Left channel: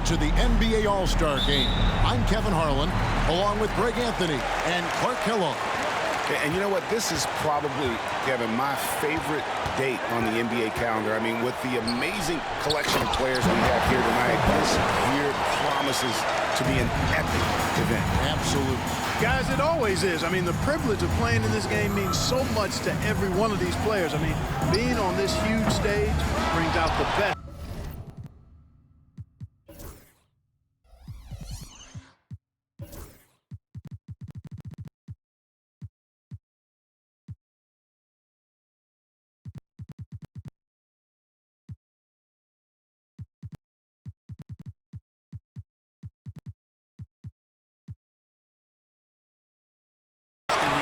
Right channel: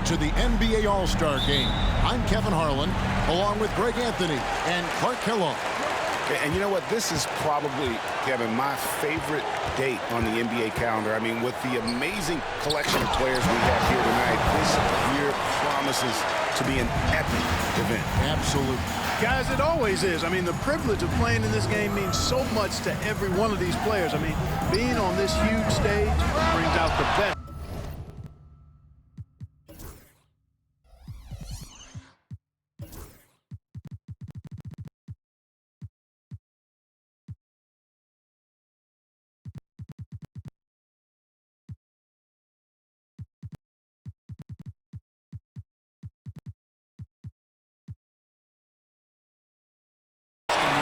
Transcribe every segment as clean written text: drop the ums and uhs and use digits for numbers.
you to the NBA All-Star Game. I'm Kevin Harlan, along with Greg Anthony and Clark Kellogg. And you know what? This is probably, Kevin, my favorite date on the NBA calendar. I mean, with the amazing collection of players we have here tonight, this year promises to be an epic event. Absolutely. Guys, it always is. I mean, the privilege of playing in this game means so much to every one of these players. I mean, being on this huge stage brings out the best.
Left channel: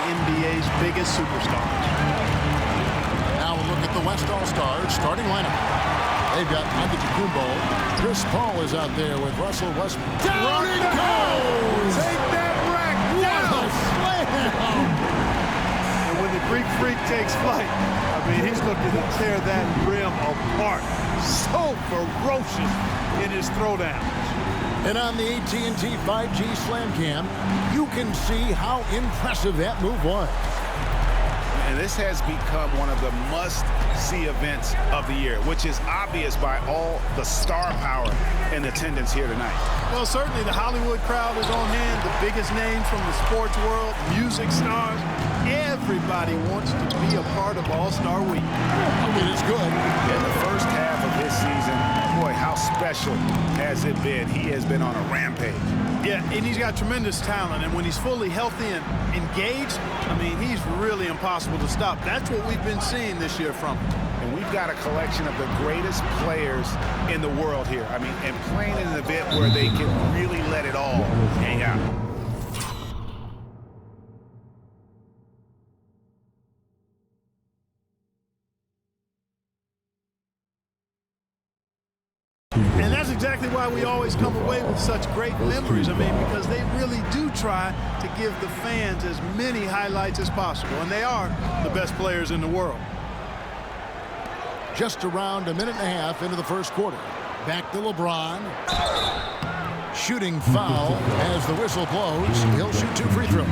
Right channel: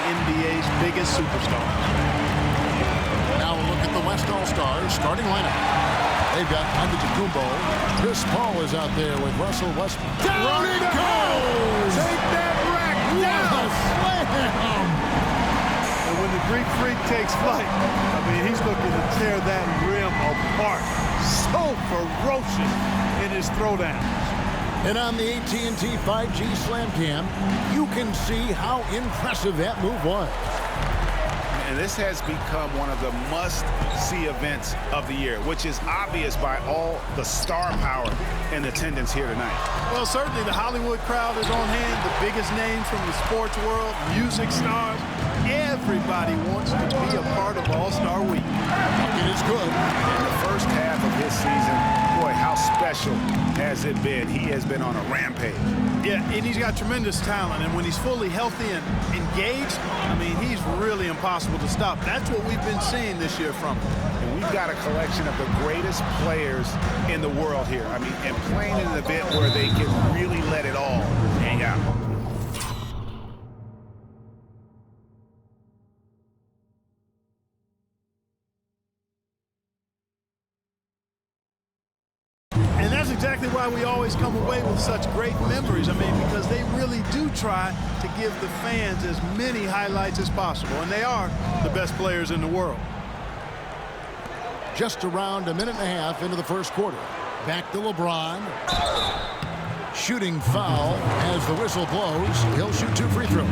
NBA's biggest superstars. Now a look at the West All-Stars starting lineup. They've got Antetokounmpo. Chris Paul is out there with Russell Westbrook. Down it goes! Take that rack down! Slam! And when the Greek Freak takes flight, I mean, he's looking to tear that rim apart. So ferocious in his throwdowns. And on the AT&T 5G Slam Cam, you can see how impressive that move was. And this has become one of the must-see events of the year, which is obvious by all the star power in attendance here tonight. Well, certainly the Hollywood crowd is on hand, the biggest names from the sports world, music stars. Everybody wants to be a part of All-Star Week. It is good. In the first half of his season, boy, how special has it been? He has been on a rampage. Yeah, and he's got tremendous talent, and when he's fully healthy and engaged, I mean, he's really impossible to stop. That's what we've been seeing this year from him. And we've got a collection of the greatest players in the world here. I mean, and playing in an event where they can really let it all hang out. And that's exactly why we always come away with such great memories. I mean, because they really do try to give the fans as many highlights as possible. And they are the best players in the world. Just around a minute and a half into the first quarter. Back to LeBron. Shooting foul as the whistle blows. He'll shoot 2 free throws.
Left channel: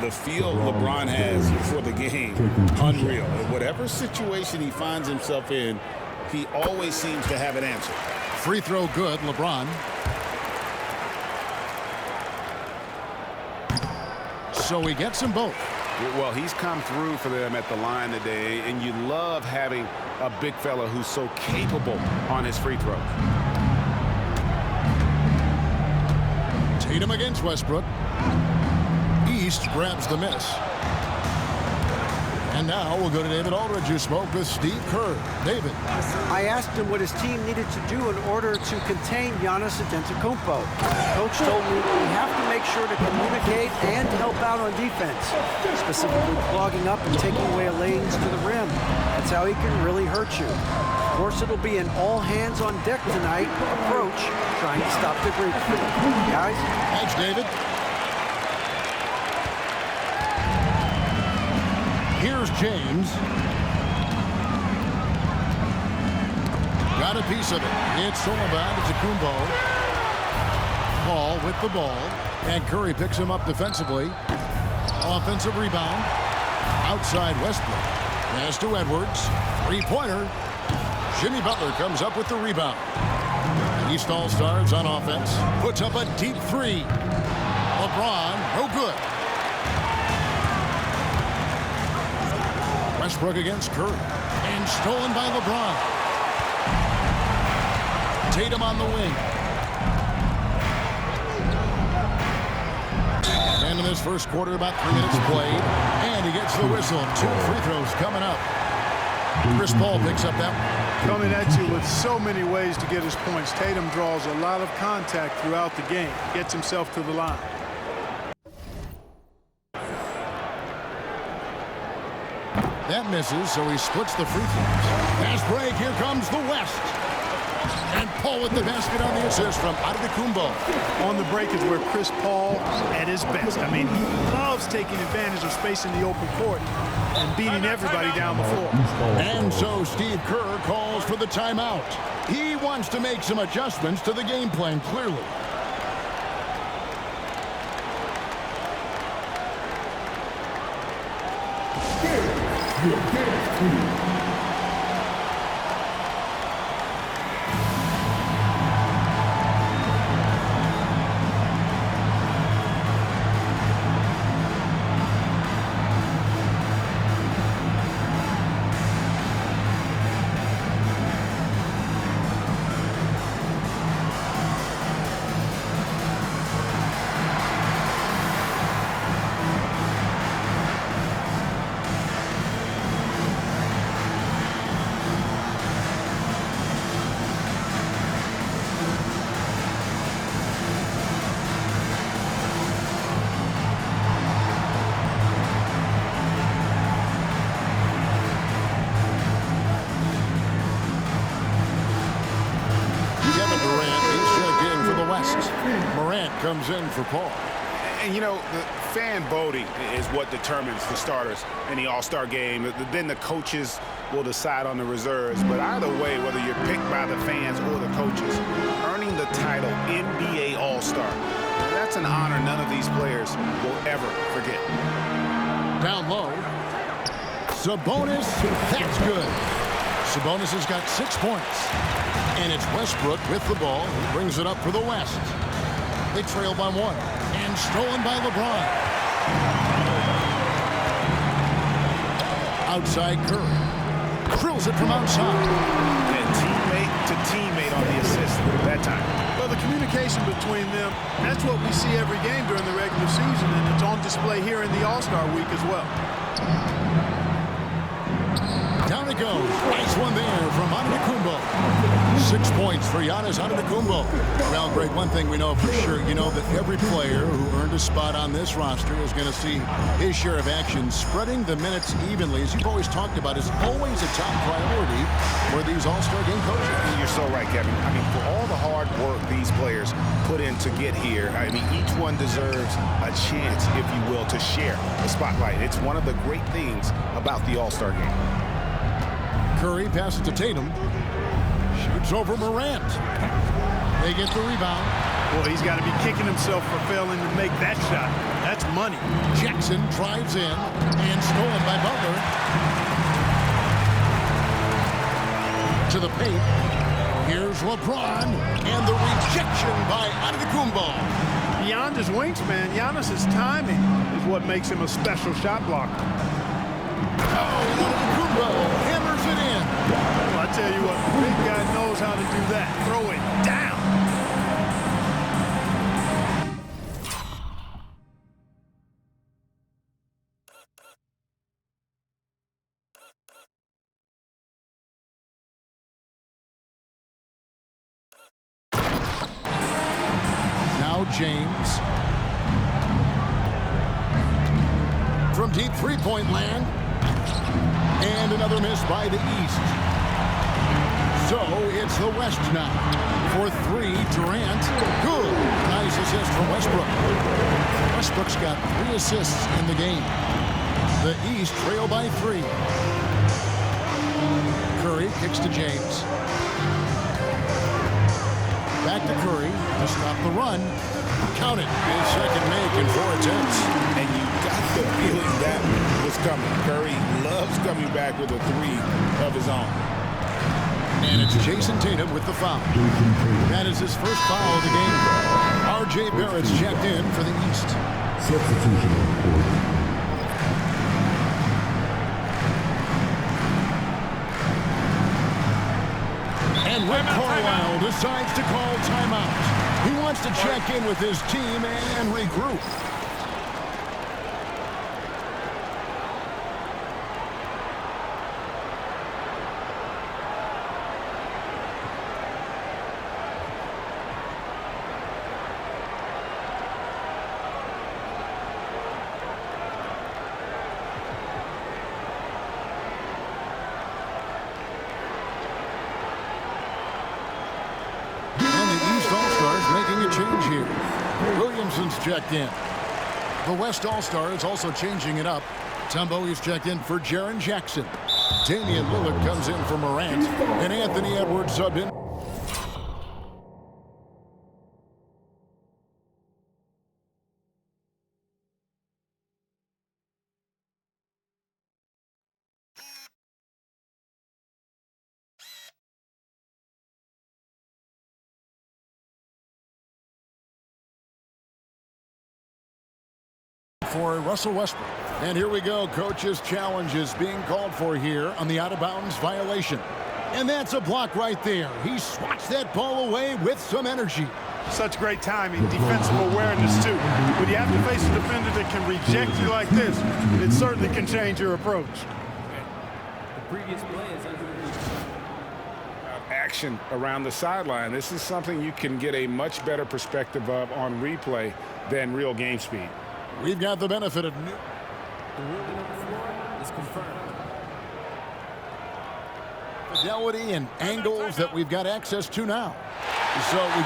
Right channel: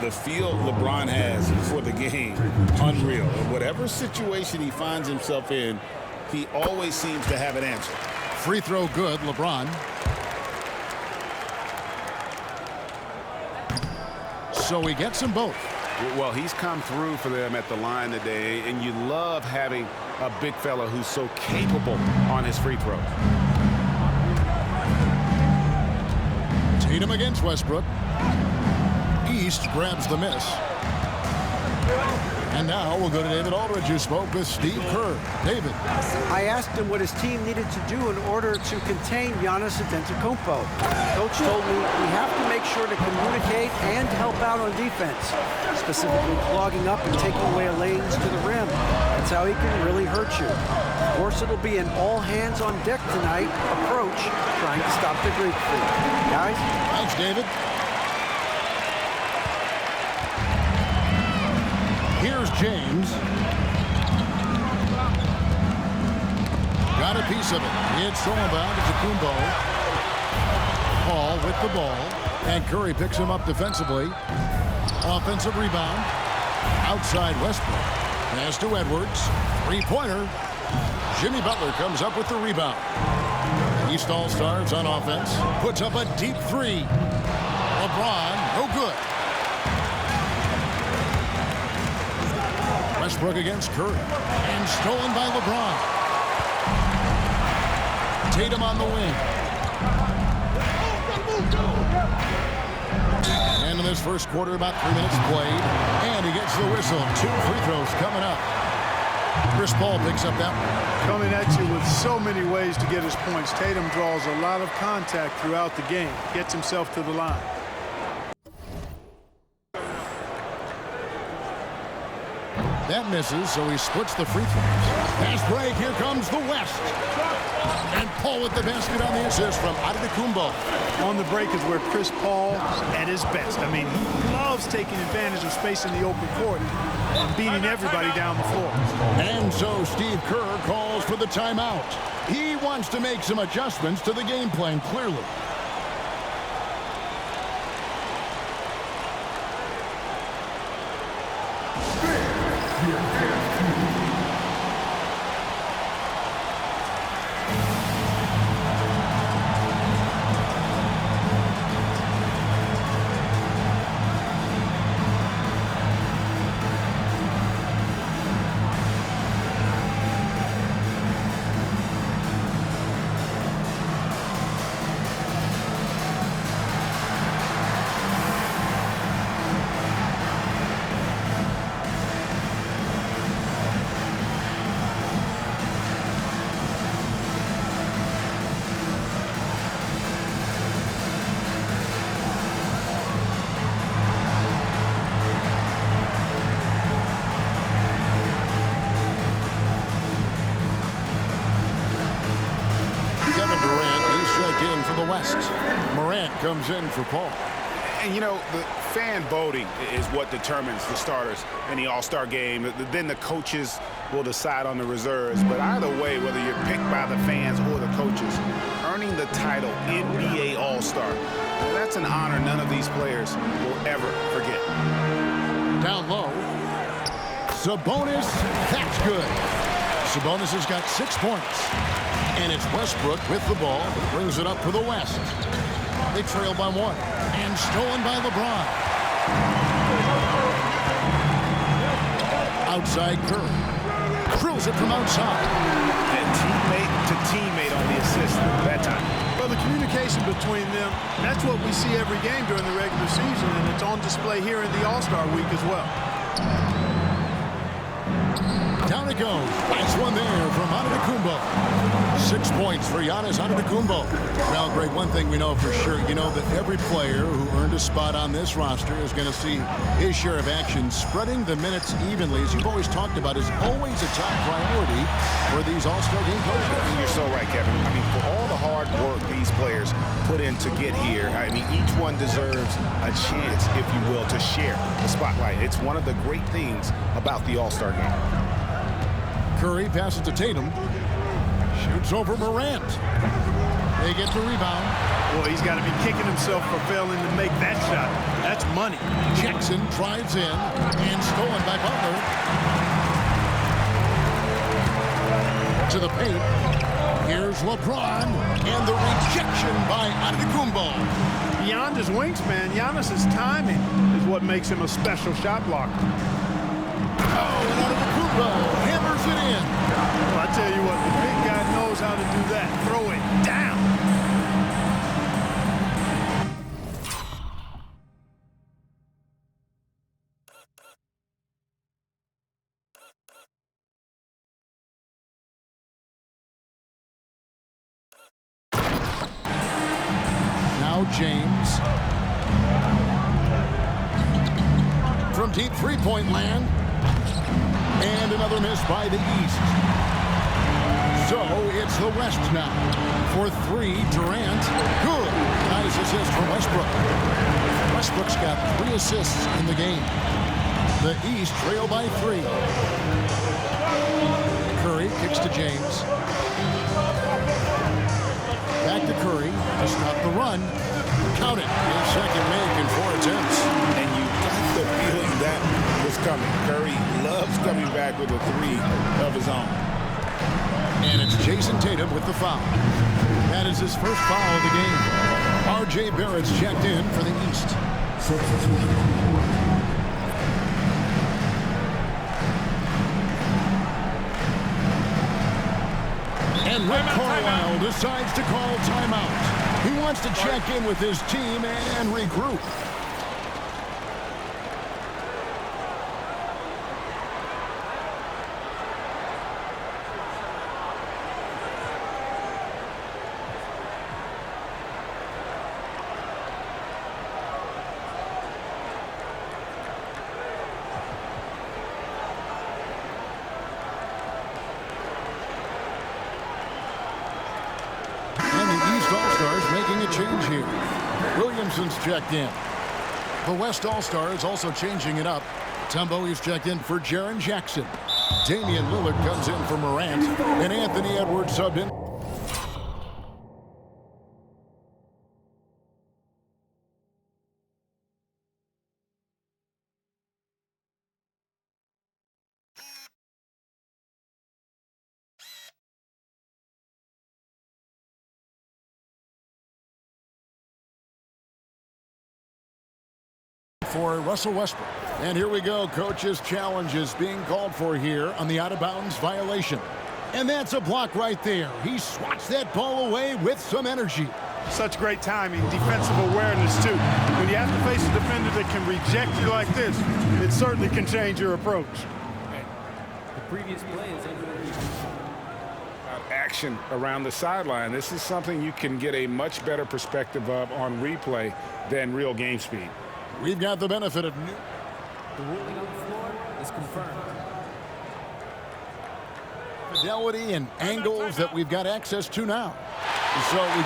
The feel LeBron has for the game, unreal. In whatever situation he finds himself in, he always seems to have an answer. Free throw good, LeBron. So he gets them both. Well, he's come through for them at the line today, and you love having a big fella who's so capable on his free throws. Tatum against Westbrook. East grabs the miss. And now we'll go to David Aldridge, who spoke with Steve Kerr. David. I asked him what his team needed to do in order to contain Giannis Antetokounmpo. Coach told me we have to make sure to communicate and help out on defense, specifically clogging up and taking away lanes to the rim. That's how he can really hurt you. Of course, it'll be an all-hands-on-deck tonight approach, trying to stop the Greek Freak. Guys? Thanks, David. Here's James. Got a piece of it. It's Solomon to Antetokounmpo. Paul with the ball. And Curry picks him up defensively. Offensive rebound. Outside Westbrook. Pass to Edwards. Three-pointer. Jimmy Butler comes up with the rebound. East All-Stars on offense. Puts up a deep three. LeBron, no good. Westbrook against Curry. And stolen by LeBron. Tatum on the wing. And in this first quarter, about 3 minutes played. And he gets the whistle. 2 free throws coming up. Chris Paul picks up that one. Coming at you with so many ways to get his points. Tatum draws a lot of contact throughout the game. Gets himself to the line. That misses, so he splits the free throws. Pass break, here comes the West. And Paul with the basket on the assist from Antetokounmpo. On the break is where Chris Paul at his best. I mean, he loves taking advantage of space in the open court. and beating everybody down the floor. And so Steve Kerr calls for the timeout. He wants to make some adjustments to the game plan, clearly. Kevin Durant, he's checked in for the West. Morant comes in for Paul. And, you know, the fan voting is what determines the starters in the All-Star game. Then the coaches will decide on the reserves. But either way, whether you're picked by the fans or the coaches, earning the title NBA All-Star, that's an honor none of these players will ever forget. Down low. Sabonis, that's good. Sabonis has got 6 points. And it's Westbrook with the ball. He brings it up for the West. They trail by 1. And stolen by LeBron. Outside Curry. Drills it from outside. And teammate to teammate on the assist that time. Well, the communication between them, that's what we see every game during the regular season, and it's on display here in the All-Star week as well. Down it goes. Nice one there from Antetokounmpo. 6 points for Giannis Antetokounmpo. Well, Greg, one thing we know for sure, you know that every player who earned a spot on this roster is going to see his share of action. Spreading the minutes evenly, as you've always talked about, is always a top priority for these All-Star game coaches. You're so right, Kevin. I mean, for all the hard work these players put in to get here, I mean, each one deserves a chance, if you will, to share the spotlight. It's one of the great things about the All-Star game. Curry passes to Tatum. Shoots over Morant. They get the rebound. Well, he's got to be kicking himself for failing to make that shot. That's money. Jackson drives in and stolen by Butler. To the paint. Here's LeBron and the rejection by Antetokounmpo. Beyond his wingspan, Giannis's timing is what makes him a special shot blocker. Oh, and Antetokounmpo hammers it in. Well, I tell you what, the big guy knows how to do that. Throw it down. Now James. From deep three-point land. And another miss by the East. So it's the West now. For 3, Durant. Good. Nice assist from Westbrook. Westbrook's got 3 assists in the game. The East trail by 3. Curry kicks to James. Back to Curry to stop the run. Count it. His second make in 4 attempts. And you got the feeling that was coming. Curry loves coming back with a 3 of his own. And it's Jason Tatum with the foul. That is his first foul of the game. R.J. Barrett's checked in for the East. Substitution on court. And Rick Carlisle decides to call timeout. He wants to check in with his team and regroup. All-Stars making a change here. Williamson's checked in. The West All-Star is also changing it up. Mutombo, he's checked in for Jaren Jackson. Damian Lillard comes in for Morant. And Anthony Edwards subbed in. For Russell Westbrook. And here we go. Coach's challenge is being called for here on the out-of-bounds violation. And that's a block right there. He swats that ball away with some energy. Such great timing, defensive awareness, too. When you have to face a defender that can reject you like this, it certainly can change your approach. The previous play is under review. Action around the sideline. This is something you can get a much better perspective of on replay than real game speed. We've got the benefit of new. The ruling on the floor is confirmed. Fidelity and angles that we've got access to now. So we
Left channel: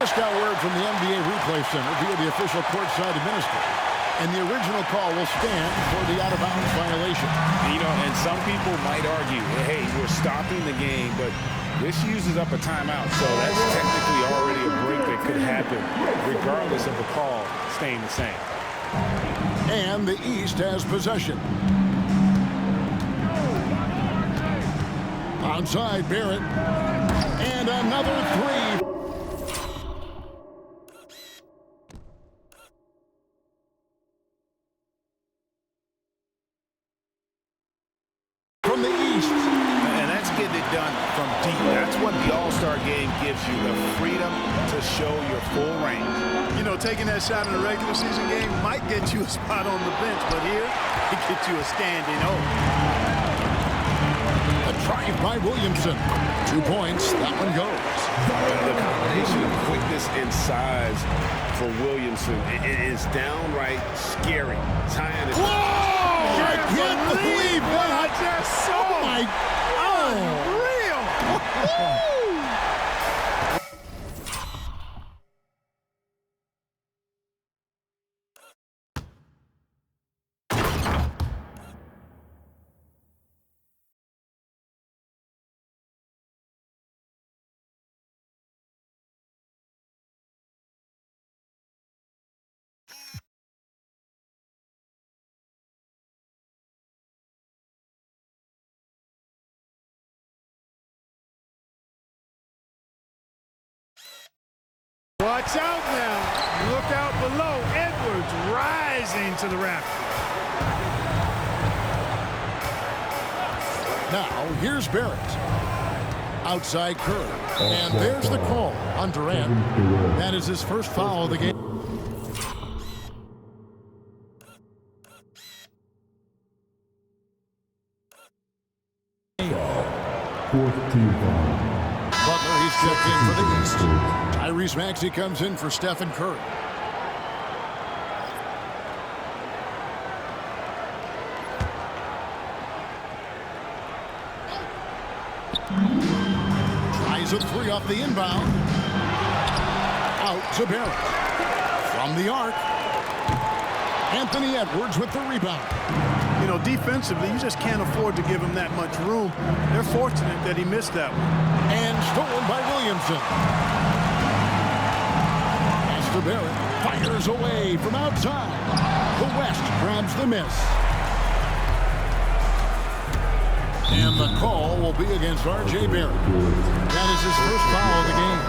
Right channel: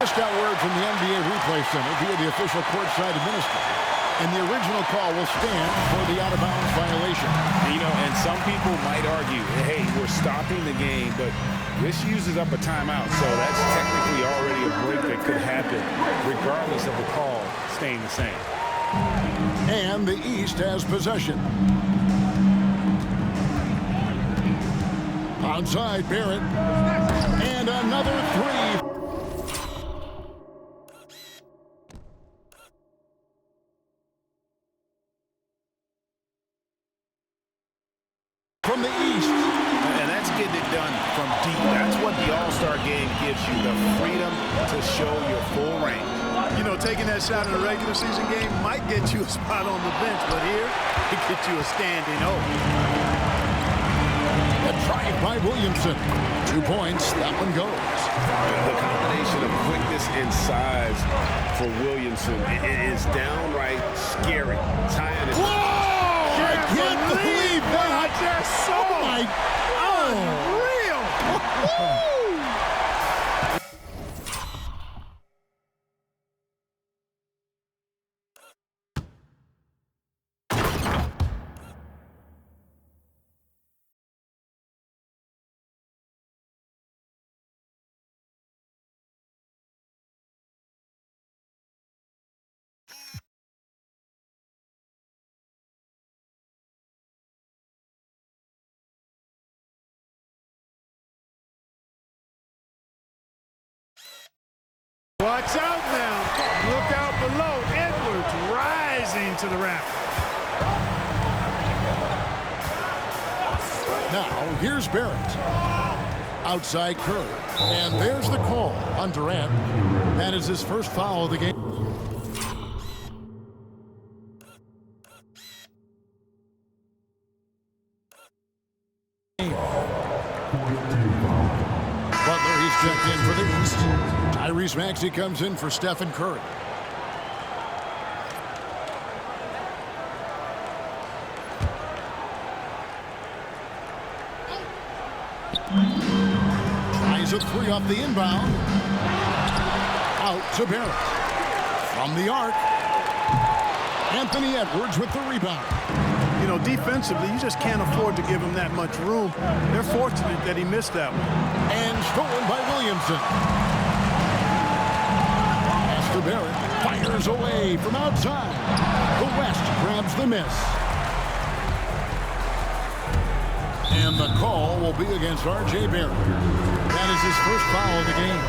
just got word from the NBA Replay Center via the official courtside administrator. And the original call will stand for the out-of-bounds violation. You know, and some people might argue, hey, we're stopping the game, but this uses up a timeout, so that's technically already a break that could happen, regardless of the call staying the same. And the East has possession. Outside Barrett. And another three. From the East. And that's getting it done from deep. That's what the All-Star game gives you, the freedom to show your full range. You know, taking that shot in a regular season game might get you a spot on the bench, but here, it gets you a standing O. A drive by Williamson. 2 points. That one goes. The combination of quickness and size for Williamson is downright scary. Tying it. Whoa! I can't believe what I that. just saw. Oh, my Unreal. Watch out now. Look out below. Edwards rising to the rafters. Now, here's Barrett. Outside Curry. And there's the call on Durant. That is his first foul of the game. Butler, he's checked in for the East. Tyrese Maxey comes in for Stephen Curry. Tries a three off the inbound. Out to Barrett. From the arc. Anthony Edwards with the rebound. You know, defensively, you just can't afford to give him that much room. They're fortunate that he missed that one. And stolen by Williamson. Pass to Barrett. Fires away from outside. The West grabs the miss. And the call will be against R.J. Barrett. That is his first foul of the game.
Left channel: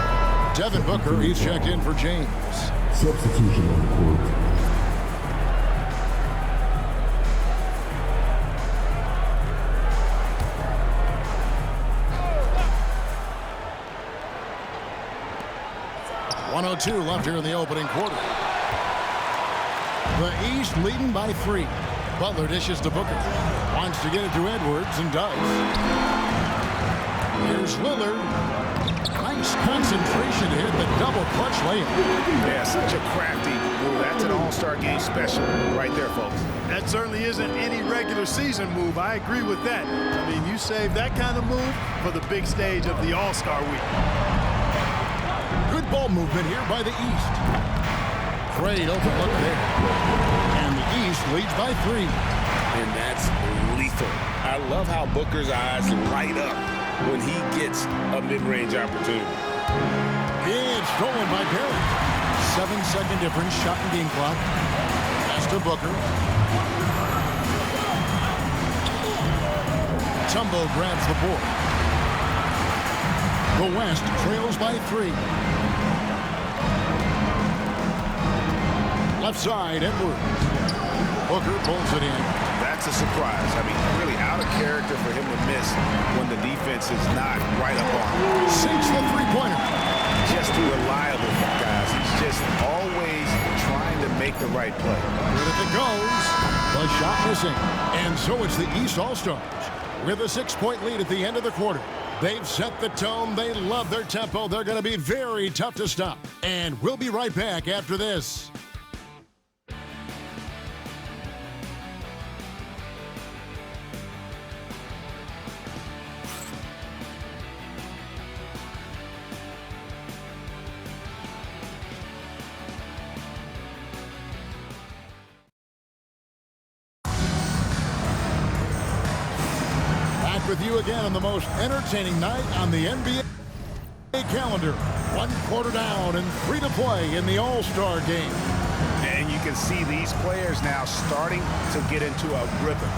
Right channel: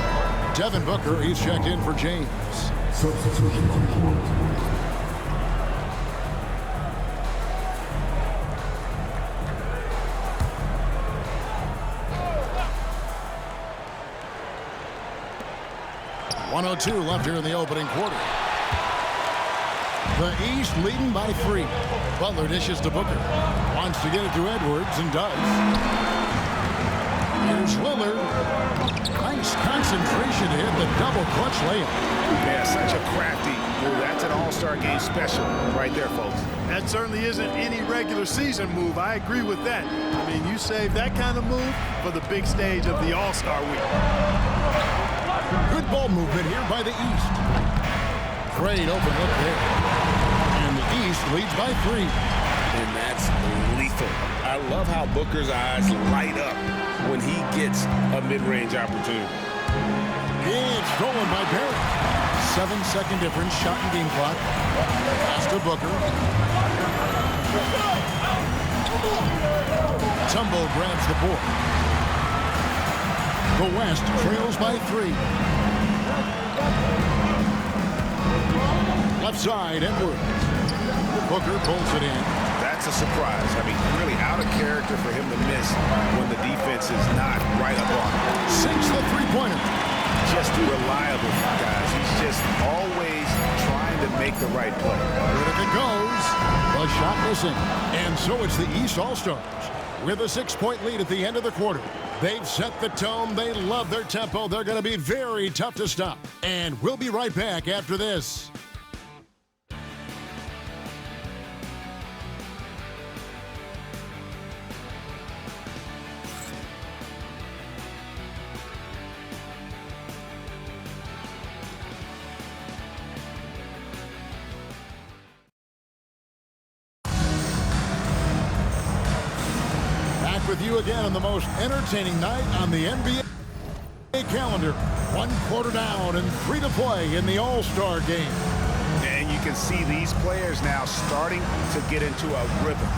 Devin Booker, he's checked in for James. Substitution on court. .102 left here in the opening quarter. The East leading by 3. Butler dishes to Booker. Wants to get it to Edwards and does. Here's Lillard. Nice concentration to hit the double clutch layup. Yeah, such a crafty move. That's an All-Star game special right there, folks. That certainly isn't any regular season move. I agree with that. I mean, you save that kind of move for the big stage of the All-Star week. Good ball movement here by the East. Great open look there. And the East leads by 3. And that's lethal. I love how Booker's eyes light up when he gets a mid-range opportunity. It's stolen by Barrett. 7-second difference, shot and game clock. Pass to Booker. Tumbo grabs the board. The West trails by 3. Left side, Edwards. Booker pulls it in. That's a surprise. I mean, really out of character for him to miss when the defense is not right up on him. Sinks the three-pointer. Just reliable, guys. He's just always trying to make the right play. Good if it goes. The shot missing. And so it's the East All-Stars with a 6-point lead at the end of the quarter. They've set the tone. They love their tempo. They're going to be very tough to stop. And we'll be right back after this. Back with you again on the most entertaining night on the NBA calendar. 1 quarter down and 3 to play in the All-Star game. And you can see these players now starting to get into a rhythm.